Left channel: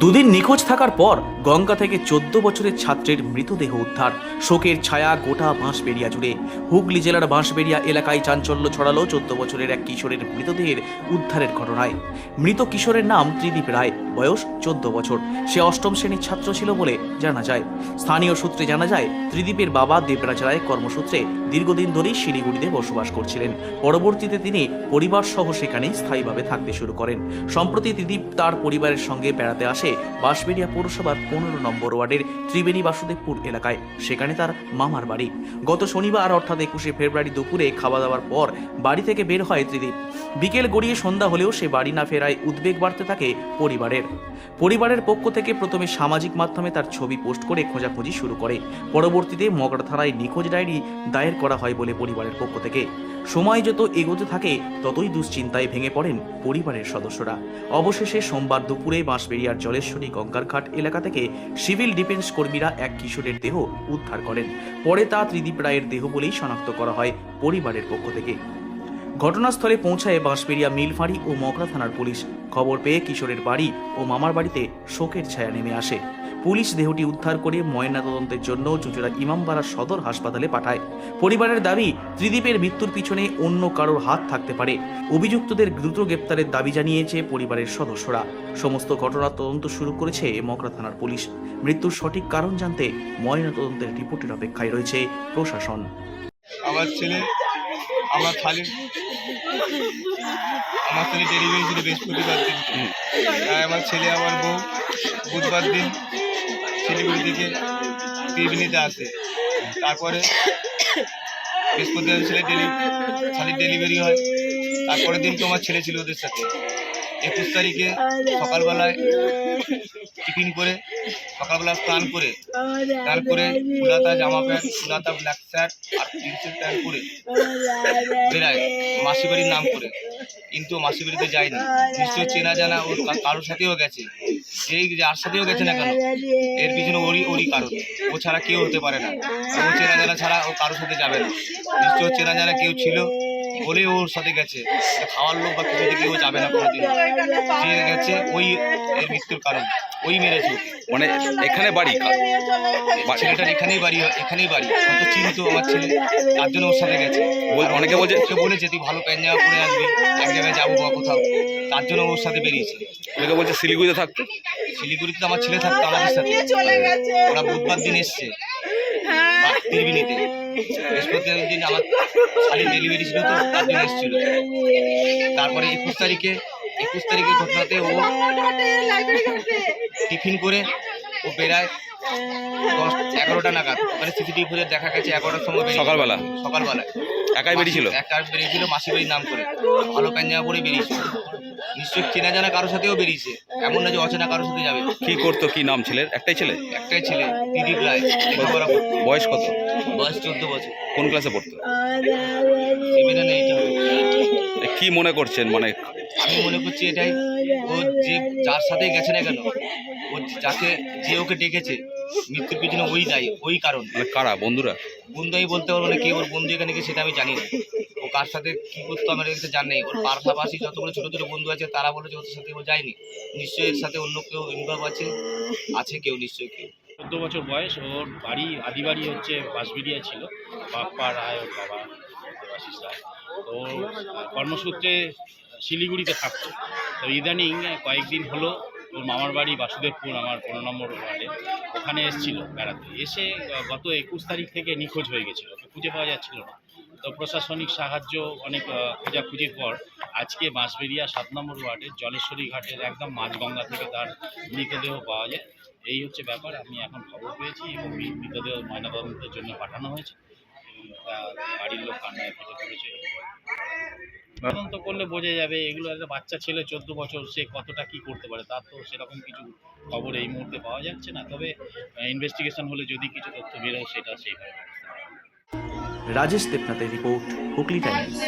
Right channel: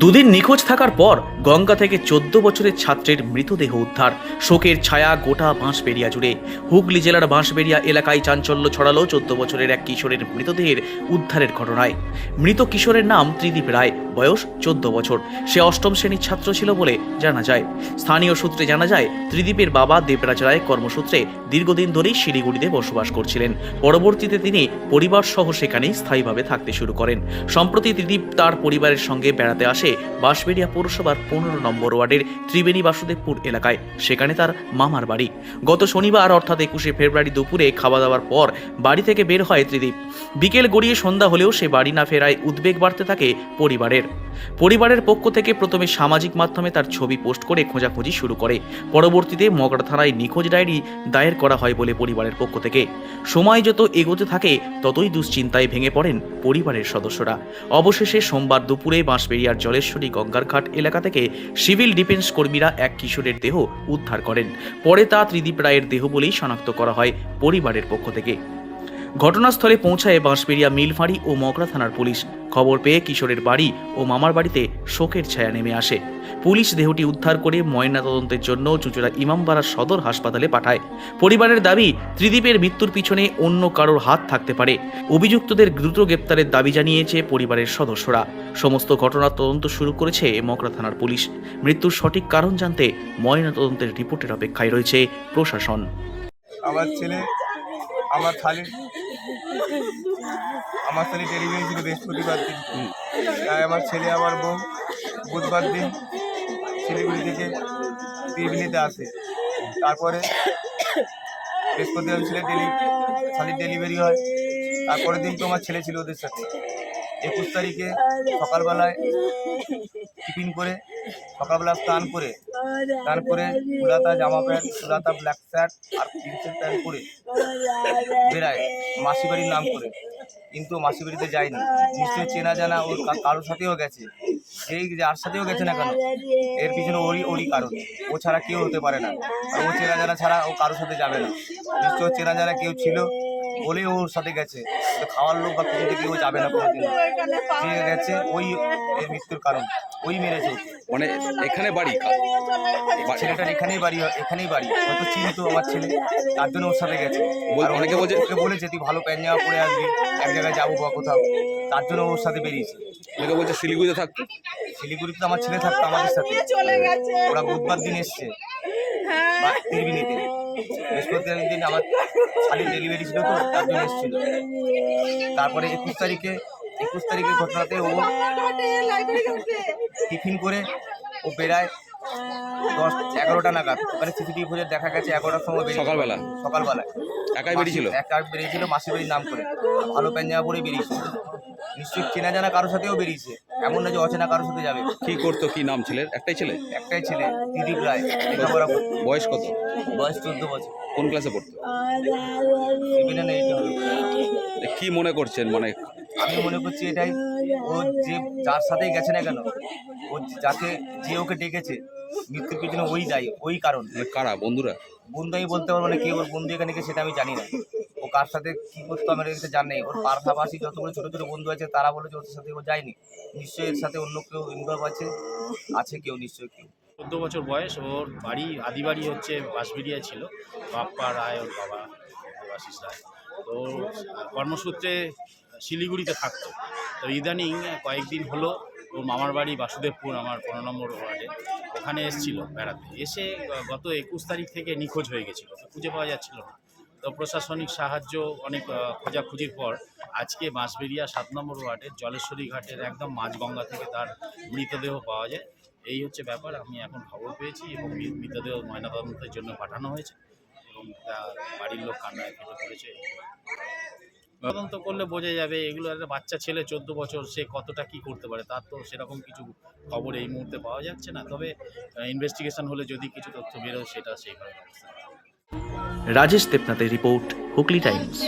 দুদিন নিখোঁজ থাকার পর গঙ্গা থেকে 14 বছরের ছাত্রের মৃতদেহ উদ্ধার। শোকের ছায়া গোটা বাঁশবেড়িয়া জুড়ে। হুগলি জেলার বাঁশবেড়িয়া এলাকায় চাঞ্চল্য ছড়ালো 14 বছরের এক কিশোরের মৃতদেহের উদ্ধারের ঘটনায়। মৃত কিশোরের নাম ত্রিদীপ রায়, বয়স 14 বছর। সে অষ্টম শ্রেণীর ছাত্র ছিল বলে জানা যায়। স্থানীয় সূত্রে জানা যায়, ত্রিদীপের বাবা দেবরাজ রায় কর্মসূত্রে দীর্ঘদিন ধরেই শিলিগুড়িতে বসবাস করছিলেন। পরবর্তীতে তিনি পরিবার সহ সেখানেই স্থায়ীভাবে থাকতে শুরু করেন। সম্প্রতি ত্রিদীপ তার পরিবারের সঙ্গে বেড়াতে আসে বাঁশবেড়িয়া পৌরসভার 15 নম্বর ওয়ার্ডের ত্রিবেণী বাসুদেবপুর এলাকায়। সেখানে তার মামার বাড়ি। গত শনিবার অর্থাৎ 21শে ফেব্রুয়ারি দুপুরে খাওয়া দাওয়ার পর বাড়ি থেকে বের হয় ত্রিদীপ। বিকেল গড়িয়ে সন্ধ্যা হলেও সে বাড়ি না ফেরায় উদ্বেগ বাড়তে থাকে পরিবারের পক্ষ থেকে প্রথমে সামাজিক মাধ্যমে তার ছবি পোস্ট করে খোঁজাখুঁজি শুরু করে। পরবর্তীতে মগরা থানায় নিখোঁজ ডায়েরি দায়ের করা হয় বলে পরিবারের পক্ষ থেকে। সময় যত এগোতে থাকে ততই দুশ্চিন্তায় ভেঙে পড়েন পরিবারের সদস্যরা। অবশেষে সোমবার দুপুরে বাঁশবেড়িয়ার জলেশ্বরী গঙ্গার ঘাট এলাকা থেকে সিভিল ডিফেন্স কর্মীরা এক কিশোরের দেহ উদ্ধার করেন। পরে তা ত্রিদীপ রায়ের দেহ বলেই শনাক্ত করা হয় পরিবারের পক্ষ থেকে। ঘটনাস্থলে পৌঁছায় বাঁশবেড়িয়া মিলফাঁড়ি ও মগরা থানার পুলিশ। খবর পেয়ে কিশোরের বাড়ি ও মামার বাড়িতে শোকের ছায়া নেমে আসে। পুলিশ দেহটি উদ্ধার করে ময়নাতদন্তের জন্য চুঁচুড়া ইমামবাড়া সদর হাসপাতালে পাঠায়। পরিবারের দাবি, ত্রিদীপের মৃত্যুর পিছনে অন্য কারোর হাত থাকতে পারে। অভিযুক্তদের দ্রুত গ্রেপ্তারের দাবি জানিয়েছে পরিবারের সদস্যরা। সমস্ত ঘটনার তদন্ত শুরু করেছে মগরা থানার পুলিশ। মৃত্যুর সঠিক কারণ জানতে ময়নাতদন্তের রিপোর্টের অপেক্ষায় রয়েছে প্রশাসন। আমার ছেলে ডেলিভারি ছিল বৃহস্পতিবার দিন। তাই আমার ছেলে আমার বউ বুধবার দিন শিলিগুড়ি থেকে ত্রিবেণীতে আসে। তারপরে বৃহস্পতিবার শালির ডেলিভারি হয়। তারপরের দিন তো আমার ছেলে ছিল ওদের সাথে। 21 তারিখে সকালবেলায় টিফিন করে সকালবেলা স্নান করে ফুলাতা জামা প্যান্ট, ফুলাতা ব্ল্যাক শার্ট আর জিন্সের প্যান্ট পরে বেড়ায় মাসিবাড়ির নাম করে। কিন্তু মাসিবাড়িতে যায়নি। নিশ্চয় চেনা জানা ওর কারোর সাথেও গেছে। যার সাথেও গেছে না কেন, এর পিছনে ওরই কারণ। ও ছাড়া কেউ হতে পারে না। আর ও চেনা জানা ছাড়া ও কারোর সাথে যাবে না। নিশ্চয় চেনা জানা কেউ ছিল বলে ওর সাথে গেছে। খাওয়ার লোক বা কিছু থেকে ও যাবে না কোনোদিন। যে গেছে ওই এর মৃত্যুর কারণ, ওই মেরেছে ওকে। মানে এখানে বাড়ি, ছেলেটার এখানেই বাড়ি। হয়তো চিনতো আমার ছেলে, তার জন্য ওর সাথে গেছে। অনেকে বলছে ওকে বলেছে তুই ভালো প্যান্ট জামা পরে আসবি, এক জায়গায় যাবো বা কোথাও, তার জন্য ওর সাথে বেরিয়েছে। অনেকে বলছে শিলিগুড়িতে থাকতো। শিলিগুড়িতে আমার ছেলে থাকতো আমাদের সাথে। ওরা বুধবার দিন এসছে ত্রিবেণীতে। বৃহস্পতিবার দিন আমার শালির ডেলিভারি ছিল, তো তার জন্য এসেছিল। তারপরে 21 তারিখের ঘটনাতে ও টিফিন করে ও বেড়ায় 10-11টা নাগাদ। ওখানে সিসিটিভি ফুটেজ দেখা গেছে 11টার সময় সকালবেলায় একাই বেরিয়েছিল মাসিবাড়ির নাম করে। ভালো প্যাঞ্জামা পরে বেরিয়েছিল। নিশ্চয়ই চেনা জানা কারোর সাথেও বেরিয়েছে, এমন না যে অচেনা কারোর সাথে যাবে। কি করতো, কি নাম ছেলের? একটাই ছেলে ত্রিদীপ রায়। লেখাপড়া করতো। বয়স কত? বয়স 14 বছর। কোন ক্লাসে পড়তো? 7 না 8 হবে। কি মনে করছেন? মানে আমি মনে করছি এটাই, ও যার সাথেই গেছে না কেন, ও যে ওকে ডেকেছে, মৃত্যুর পিছনে ওই দায়ী, ওই কারণ। মানে কারা? বন্ধু আমি বলতে পারবো না কে ওর বন্ধু এখানে গেছে, সেটা আমি জানি না। ও কার সাথে কি করতো আমার এখানে জানি। ওর পাশাপাশি যতগুলো ছোটো ছোটো বন্ধু আছে তারা বলেছে ওদের সাথে ও যায়নি। নিশ্চয়ই এর সাথে অন্য কেউ ইনভলভ আছে কেউ, নিশ্চয়ই কেউ। 14 বছর বয়স। ওর আদি বাড়ি হচ্ছে বাঁশবেড়িয়া ছিল। বাপ্পা রায় ওর বাবা, দেবাশিস রায়। তো কর্মসূত্রে শিলিগুড়িতে থাকতো। তো ইদানিং কয়েকদিন হলো ওর মামার বাড়ি বাসুদেবপুর, আমার 15 নম্বর ওয়ার্ডে, ওখানে এসেছিলো বেড়াতে। এসে গত 21 তারিখ থেকে নিখোঁজ হয়ে গেছিলো, খুঁজে পাওয়া যাচ্ছিল না। তো প্রশাসনিক সাহায্য অনেক খোঁজাখুঁজির পর আজকে বাঁশবেড়িয়া 7 নম্বর ওয়ার্ডের জলেশ্বরী ঘাটের একদম মাঝগঙ্গা থেকে তার মৃতদেহ পাওয়া যায়। এই হচ্ছে ব্যাপার। আমি এখন খবর পেয়েছি এবং এই মৃতদেহ ময়নাতদন্তের জন্য পাঠানো হয়েছে এবং বাড়ির লোক কান্নায় ফেটে পড়েছে। তদন্ত করলে বোঝা যাবে। এগুলো একটা বাচ্চা ছেলে, 14 বছর, সে কতটা কি করতে পারে, তার তো সেরকম কিছু খবর এই মুহূর্তে পাওয়া যাচ্ছে না। তবে ইনভেস্টিগেশন হলে যদি কিছু তথ্য বেরোয় সেটা সেইভাবে ব্যবস্থা। রাজেশ দেবনাথের রিপোর্ট, হুগলি টাইমস।